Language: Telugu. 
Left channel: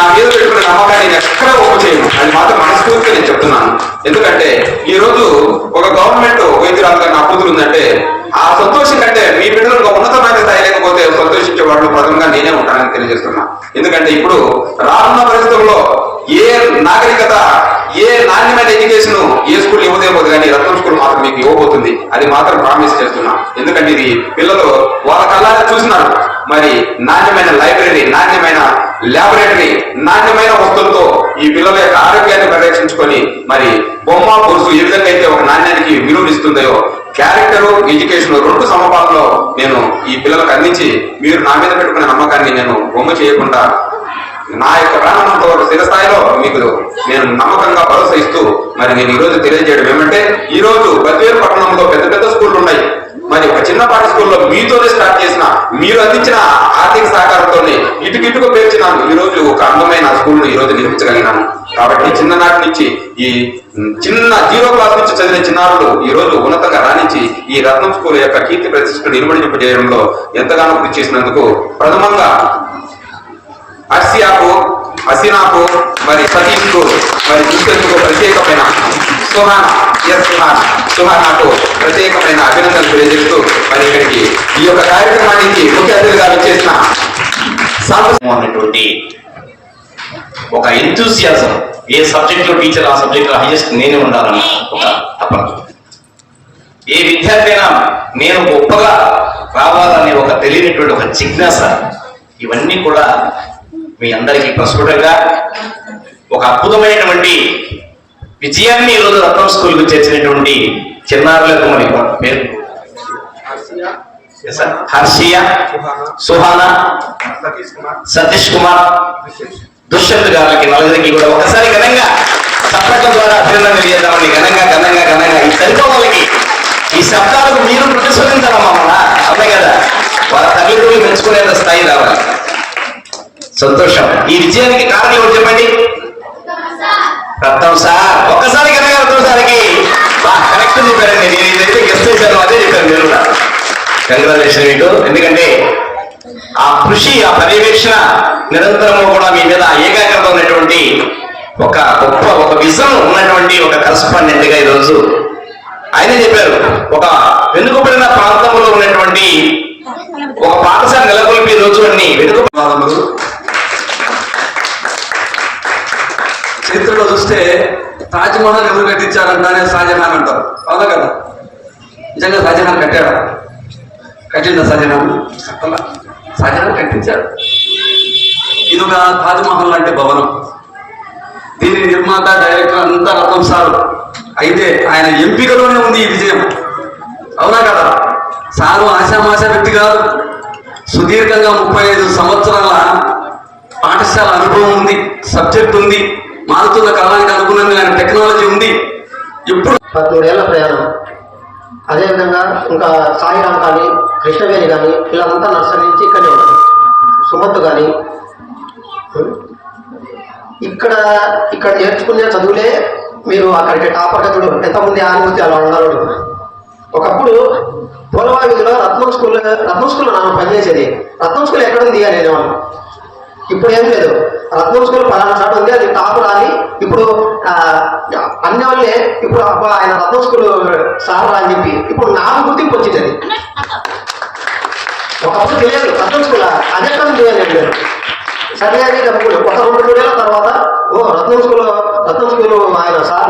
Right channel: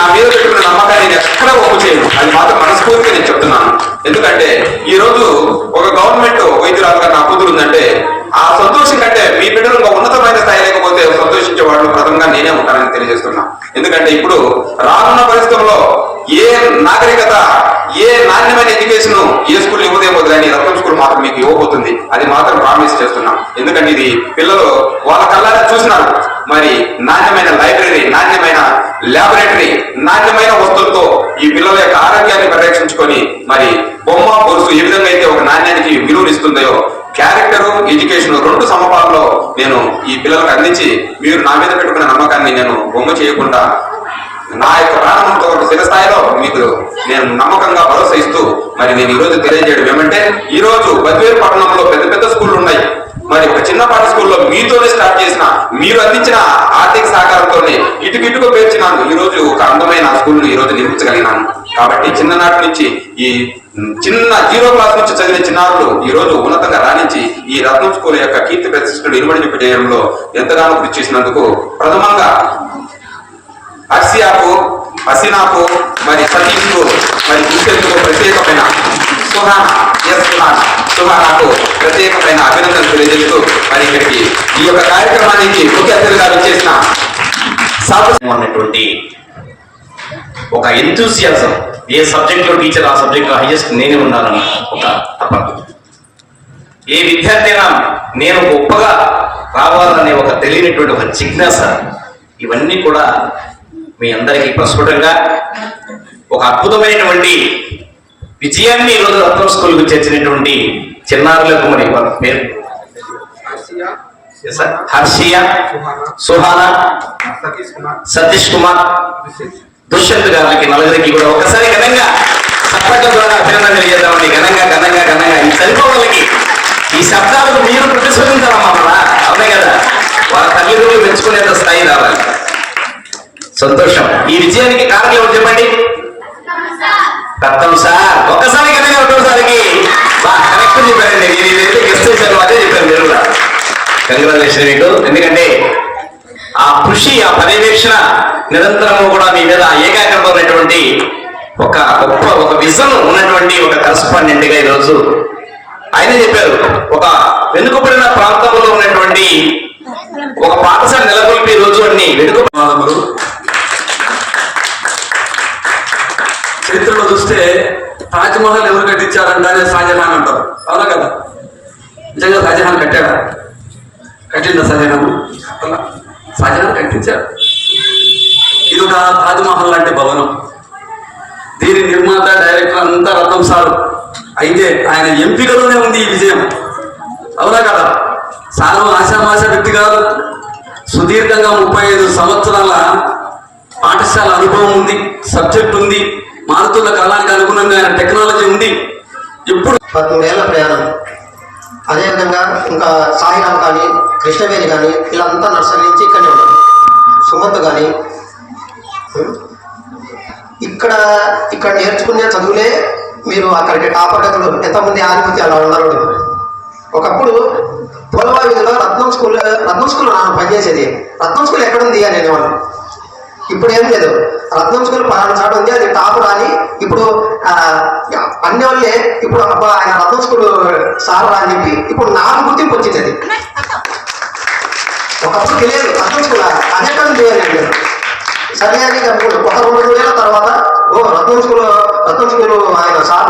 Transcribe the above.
నా మీద పెట్టుకున్న నమ్మకాన్ని నేను ఎక్కడ ఒప్పు చేయను. అది మాత్రం మనస్ఫూర్తిగా నేను చెప్తున్నాను. ఎందుకంటే ఈ రోజు ఒక గవర్నమెంట్ వైద్యురాలుగా నా కూతురు ఉందంటే ఆ సంతోషం కంటే మీ బిడ్డలు ఒక ఉన్నతమైన స్థాయి లేకపోతే సంతోషించే వాళ్ళు ప్రథమంగా నేనే ఉంటానని తెలియజేస్తున్నా. ఎందుకంటే ఇప్పుడు రానున్న పరిస్థితుల్లో ఏ నాగరికత ఏ నాణ్యమైన ఎడ్యుకేషన్ ఏ స్కూల్ ఇవ్వదేమో కానీ రత్నం స్కూల్ మాత్రం మీకు ఇవ్వబోతుంది. అది మాత్రం ప్రామిస్ చేస్తున్నా. ఎందుకంటే ఇది పిల్లలు వాళ్ళ కళ్ళారా చూసినారు. మరి నాణ్యమైన లైబ్రరీ నాణ్యమైన ల్యాబొరేటరీ నాణ్యమైన వస్తువులతో ఈ పిల్లల యొక్క ఆరోగ్యాన్ని పరిరక్షించుకొని మరి బొమ్మ పురుషు ఏ విధంగా అయితే ఒక నాణ్యానికి విలువనిస్తుందో క్యారెక్టర్ ఎడ్యుకేషన్ రెండు సమపాలలో నేను ఈ పిల్లలకు అందించి మీరు నా మీద పెట్టుకునే నమ్మకాన్ని నేను బొమ్మ చేయకుండా నా యొక్క ప్రాణంతో ఒక స్థిరస్థాయిలో మీకు నేను నమ్మకంగా భరోసా ఇస్తూ మరి నేను ఈ రోజు తెలియజేయడం ఏమంటే ఈ రోజు బద్వేరు పట్టణంలో పెద్ద పెద్ద స్కూళ్ళు ఉన్నాయి. మరి ఒక చిన్నపాటి స్కూల్లో మీతోనే స్టార్ట్ చేసిన మీరు అందించిన ఆర్థిక సహకారంతోనే ఇటుకిటుకు పేర్చినాను. ఈ రోజు ఒక అందమైన స్కూల్ ఈ రోజు నిర్మించగలిగినాను. కాబట్టి చిన్ననాటి నుంచి ఈ చిన్న జీరో క్లాస్ నుంచి చదివిన చిన్నారులు ఈ రోజు ఉన్నతంగా రాణించి ఈ రత్నం స్కూల్ యొక్క కీర్తి ప్రతిష్టలు ఇనుమడింపు ఎంతగానో కృషి చేసినందుకు ప్రథమంగా అర్సియాకు హసీనాకు మరి సతీష్కు మరి దుష్యంతుకు ప్రత్యేకమైన సుహాన్ ఎస్ సుహాన్ సుహానాకు ప్రత్యేకమైన అభినందనలు తెలియజేస్తూ మరి ఇక్కడికి ఈ యొక్క కార్యక్రమానికి ముఖ్య అతిథిగా విచ్చేసిన సాంప్రదాయ ఒక ఎంతూసియాజం ఏ సబ్జెక్ట్లో టీచర్ ఆ సబ్జెక్ట్లో హైయెస్ట్ నేనే ఉండాలని ఒక తపన. ఏ విద్యార్థి అయినా నేను గొప్పగా రావాలనే ఒక తెలియనటువంటి ఒక జిజ్ఞాస. ఇవన్నీ కూడా మీ అందరికీ ప్రస్ఫుటంగా ఒక అద్భుతమైనటువంటి విజయాన్ని ఈరోజు రత్నం స్కూల్కు చేర్చినటువంటి చిన్నారులకు మరి పేరు. హర్షియ సుహానా సతీష్ కుమార్ దుష్యంత్ గారికి నలుగురికి కూడా ఒకసారి ఘనంగా సప్పట్ల ద్వారా అభినందన తెలియజేద్దామని ఘనంగా ఘనంగా ఘనంగా. ఈ సరిపోవాలకి ఈ శబ్దాలకు మీరు ప్రతిస్పందించాలమ్మా మన అదే కదా. వాళ్ళ తల్లిదండ్రులు మెచ్చుకునేంత స్థాయి రావాలి. సంతోషం. ఈ విజయానికి కారణం ఎవరు చెప్పండి? రత్నం సార్. ఒక్కసారి ఘనంగా రత్నం సార్కి కరెక్ట్ చెప్పారు మీరు ఏదైతే గెస్ట్ అదే మీరు కూడా. కంగ్రాచులేషన్ మీకు. ఎందుకంటే ఆ కృషి ఆ పర్యవేక్షణ నిరంతరము కూడా మీ మీద ఏకాగ్రత ఉన్నటువంటి ఒక గొప్ప ఒక విజన్ ఉన్నటువంటి ఒక కరస్పాండెంట్గా ఈరోజు ఆయన చెప్పారు. ఒక వెనుకబడిన ప్రాంతంలో ఉన్నటువంటి ఒక పాఠశాల నెలకొల్పి ఈ రోజు అన్ని వెనుక ధన్యవాదములు చరిత్రలో చూస్తే తాజ్మహల్ ఎవరు కట్టించారంట అనేది షాజహాన్ అంటారు. అవునా కదా? నిజంగా షాజహాన్ కట్టాడా? కట్టిందా షాజహాన్? కట్టలా. షాజహాన్ కట్టించారు ఇది ఒక తాజ్మహల్ లాంటి భవనం. దీని నిర్మాత డైరెక్టర్ అంతా రత్నం సారు. అయితే ఆయన ఎంపికలోనే ఉంది ఈ విజయం. అవునా కదా? సారు ఆశామాష వ్యక్తి కాదు. సుదీర్ఘంగా ముప్పై ఐదు సంవత్సరాల పాఠశాల అనుభవం ఉంది సబ్జెక్ట్ ఉంది. మారుతున్న కాలానికి అనుగుణంగా టెక్నాలజీ ఉంది. ఇప్పుడు పదమూడేళ్ళ ప్రయాణం. అదేవిధంగా ఇంకా సాయిరామ్ కానీ కృష్ణవేణి కానీ వీళ్ళంతా నర్సరీ నుంచి ఇక్కడే ఉన్నారు కానీ ఇక్కడ ఇక్కడ నేర్చుకునే చదువులే మీరు అక్కడికి టాపర్గా చూడు ఎంతమంది ఆనిపోతే అలా ఉన్నారు ఒకప్పుడు పోలవా వీధిలో రత్నం స్కూల్ రత్నం స్కూల్లో నాన్న పనిచేసేది రత్నం స్కూల్ ఎక్కడుంది అని అనేవాళ్ళు ఇప్పుడు ఏం లేదు. రత్నం స్కూల్ పలానా చాటు ఉంది అది టాప్ రాని ఇప్పుడు ఆ, అన్ని వాళ్ళే ఇప్పుడు అబ్బా ఆయన రత్నం స్కూల్ సార్ రా అని చెప్పి ఇప్పుడు నాకు గుర్తింపు వచ్చింది అది. ఒకప్పుడు తెలియదు రత్నం స్కూల్ అది ఎక్కడ ఉంది అని సరే అని ఒక రెండు రోజుల తర్వాత ఓ రత్నం స్కూల్ రత్నం స్కూల్ ఆయన సార్